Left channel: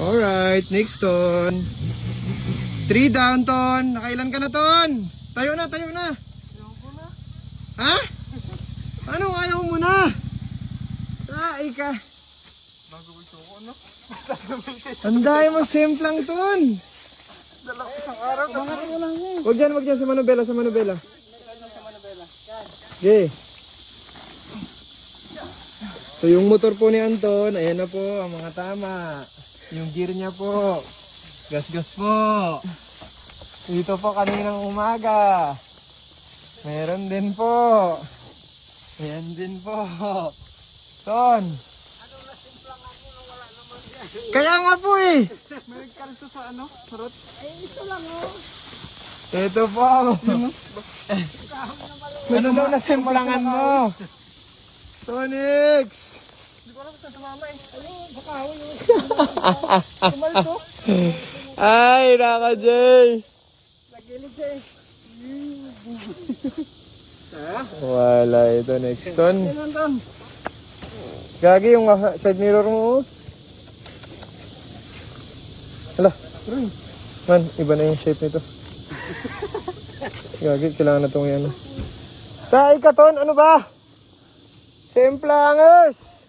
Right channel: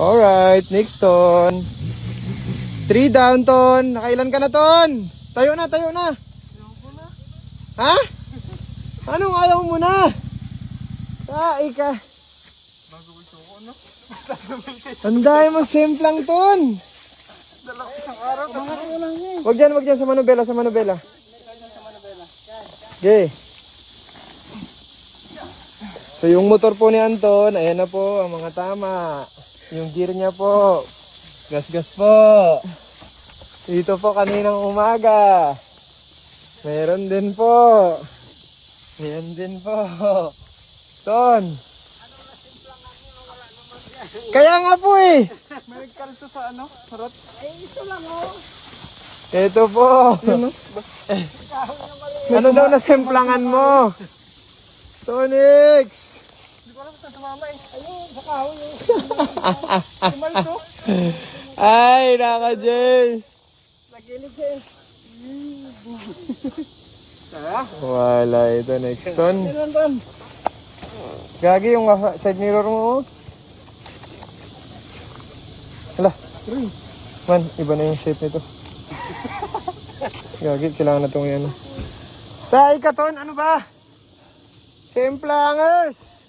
Alright, next ton. 3 down ton. Nakailan ka na ton? Tayo na, tayo na. Ayaw ko na. Ha? Anong ayaw mo na? Ay ka. Nagawin ko ano? Anday mo simplang ton. Dalawang isang araw. Mga ko lang eh. Wag dyan sa Manobela, sa Manobela. Okay. So yung motor po ni Anton, ayan na po ang mga tama. Yung gear niya po. Gas-gas po. Dito po kaninang umaga. Meron din po. Meron din po. Ton. Kaya nga po eh. May nagkalso sa ano? Sarot? Ito lang oh. Ito po. Ano daw na simplangan mo? Tonix. Hindi ko alam kung sa mama eh. Ayun, sa kahoy yun. Tumalso. Ay, naka Jay. Nagilid siya eh. Tara. Wala ito next ton. Meron doon. Gagi yung side mirror mo. Hala. Man, iba na yung shape nito. Gagi, kailangan na itong yan. Tay ka ton, ano ba? Simplanges!